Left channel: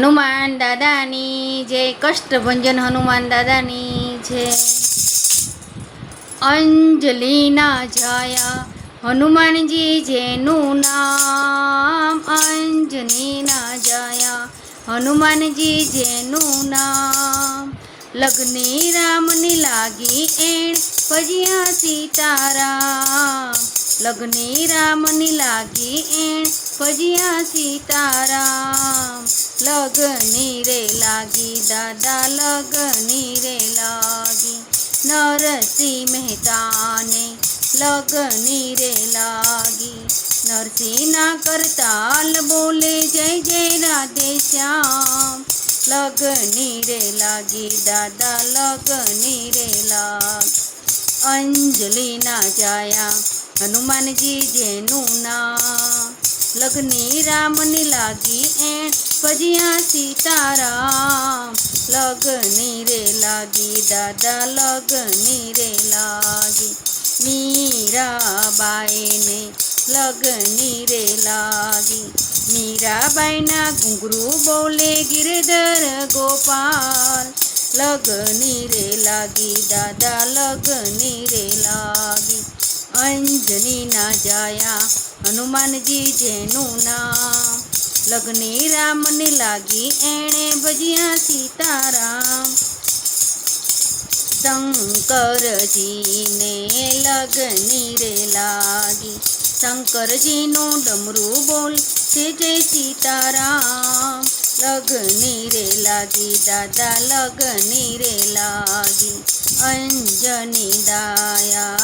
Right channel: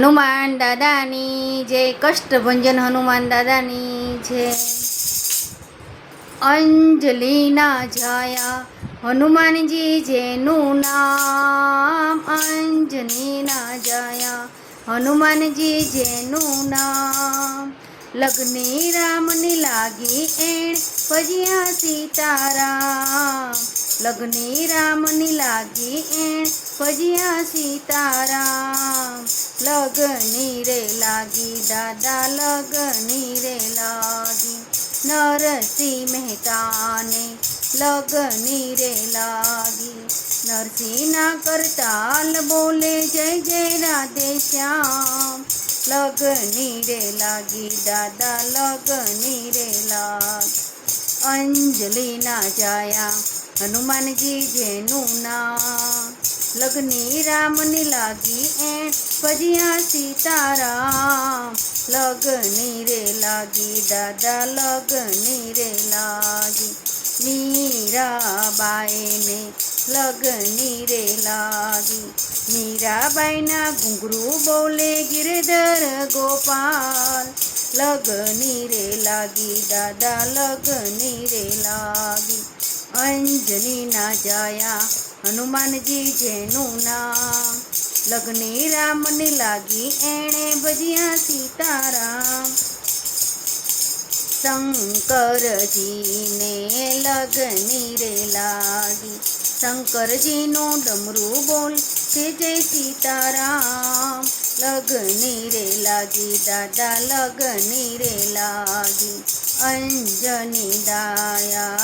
હનુમાન દાદાની જય કષ્ટભંજન હનુમાન દાદાની જય અંજલિના જાયા, હનુમાનજી જેનું નામ અંજલિના જાયા, હનુમાનજી જેનું નામ. લગ્ને રામની લાગી એણ, ભજ્યા સીતારામ. લગ્ને રામની લાગી એણ, ભજ્યા સીતારામ. लगनी रे लागी, दादा लगनी रे लागी। नरसी मेहता ने लगनी रे लागी। नरसी ना करताल बोले, जय जय राधे श्याम। लगनी रे लागी, दादा लगनी रे लागी। अंजलि ना जाया, हनुमान जी जेनु नाम। લગ્ની રામની લાગી એણ ભજ્યા સીતારામ લગની રે લાગી દાદા લગની રે લાગી મીરાબાઈને લગની રે લાગી મીરાબાઈના ઘૂંઘરું બોલે ગિરધર ગોપાલ લગની રે લાગી દાદા લગની રે લાગી અંજનીના જાયા હનુમાનજી જેનું નામ. લગ્ને રામને લાગી એણે ભજ્યા સીતારામ. શંકરજીને લગ્ની રે લાગી. શંકરજીનું ડમરું બોલ છે જય સીતારામ. લગ્ની રે લાગી, દાદા, લગ્ની રે લાગી. અંજની દાયા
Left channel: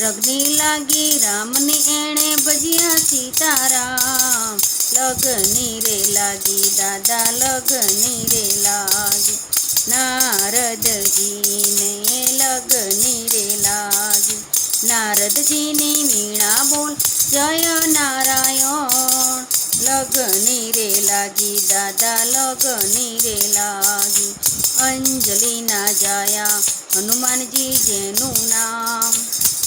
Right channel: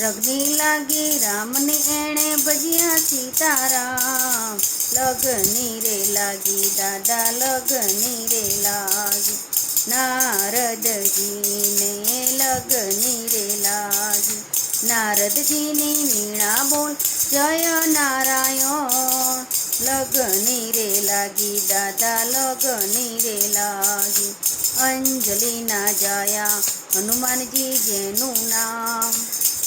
રગની લાગી રામને એણે ભજ્યા સીતારામ લગની રે લાગી દાદા લગની રે લાગી નારદજીને લગની રે લાગી નારદજીની વીણા બોલ જય નારાયણ લગની રે લાગી દાદા લગની રે લાગી અંજલિના જાયા હનુમાનજી જેનું નામ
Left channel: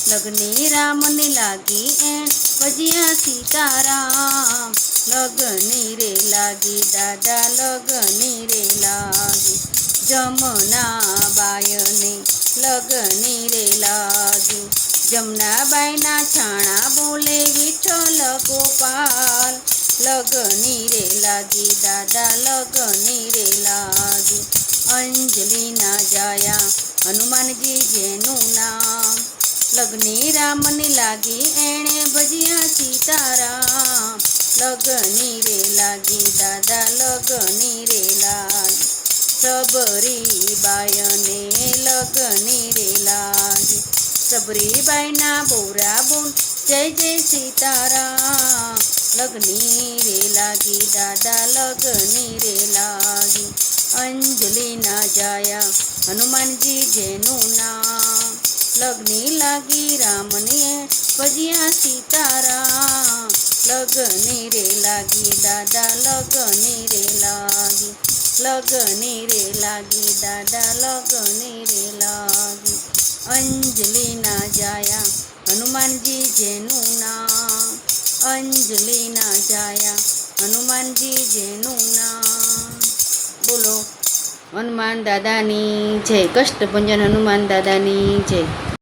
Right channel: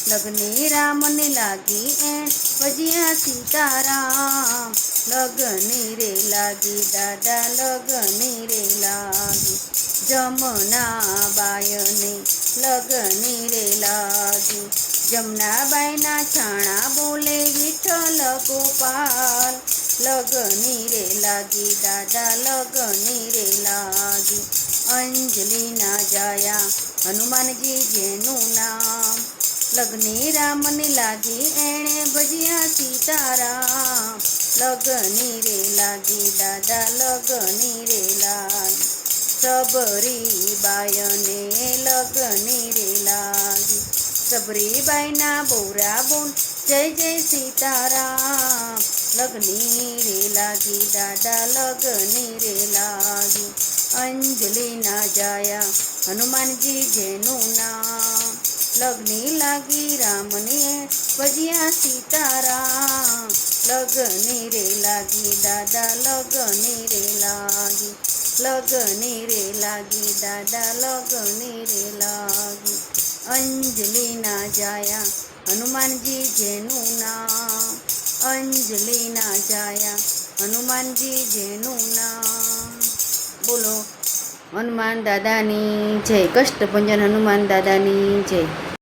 લગ્ની રામને લાગી એ ભજ્યા સીતારામ લગની રે લાગી દાદા લગની રે લાગી જમના બાયને લગની રે લાગી જમનાબાઈના છાણા બોલે વિઠ્ઠલ ગોપાલ લગની રે લાગી દાદા લગની રે લાગી અંજલિના જાયા હનુમાનજી જેનું નામ લગ્ની રામની લાગી એણે ભજ્યા સીતારામ. લગની રે લાગી દાદા લગની રે લાલ સબરી બાયને લગની રે લાગી. સબરીબાઈના બોરા બોલ જય જય સીતારામ. લગની રે લાગી દાદા લગની લાગી રામને? ભજ્યા સીતારામ. લગની રે લાગી, દાદા, લગની રે લાગી. લગની રે લાગી, દાદા, લગની રે લાગી. અંજલિના જાયા, હનુમાનજી જેનું નામ. અંજલિના જાયા, હનુમાનજી જેનું નામ. બોલો, હનુમાન દાદાની જય, કષ્ટભંજન હનુમાન દાદાની જય.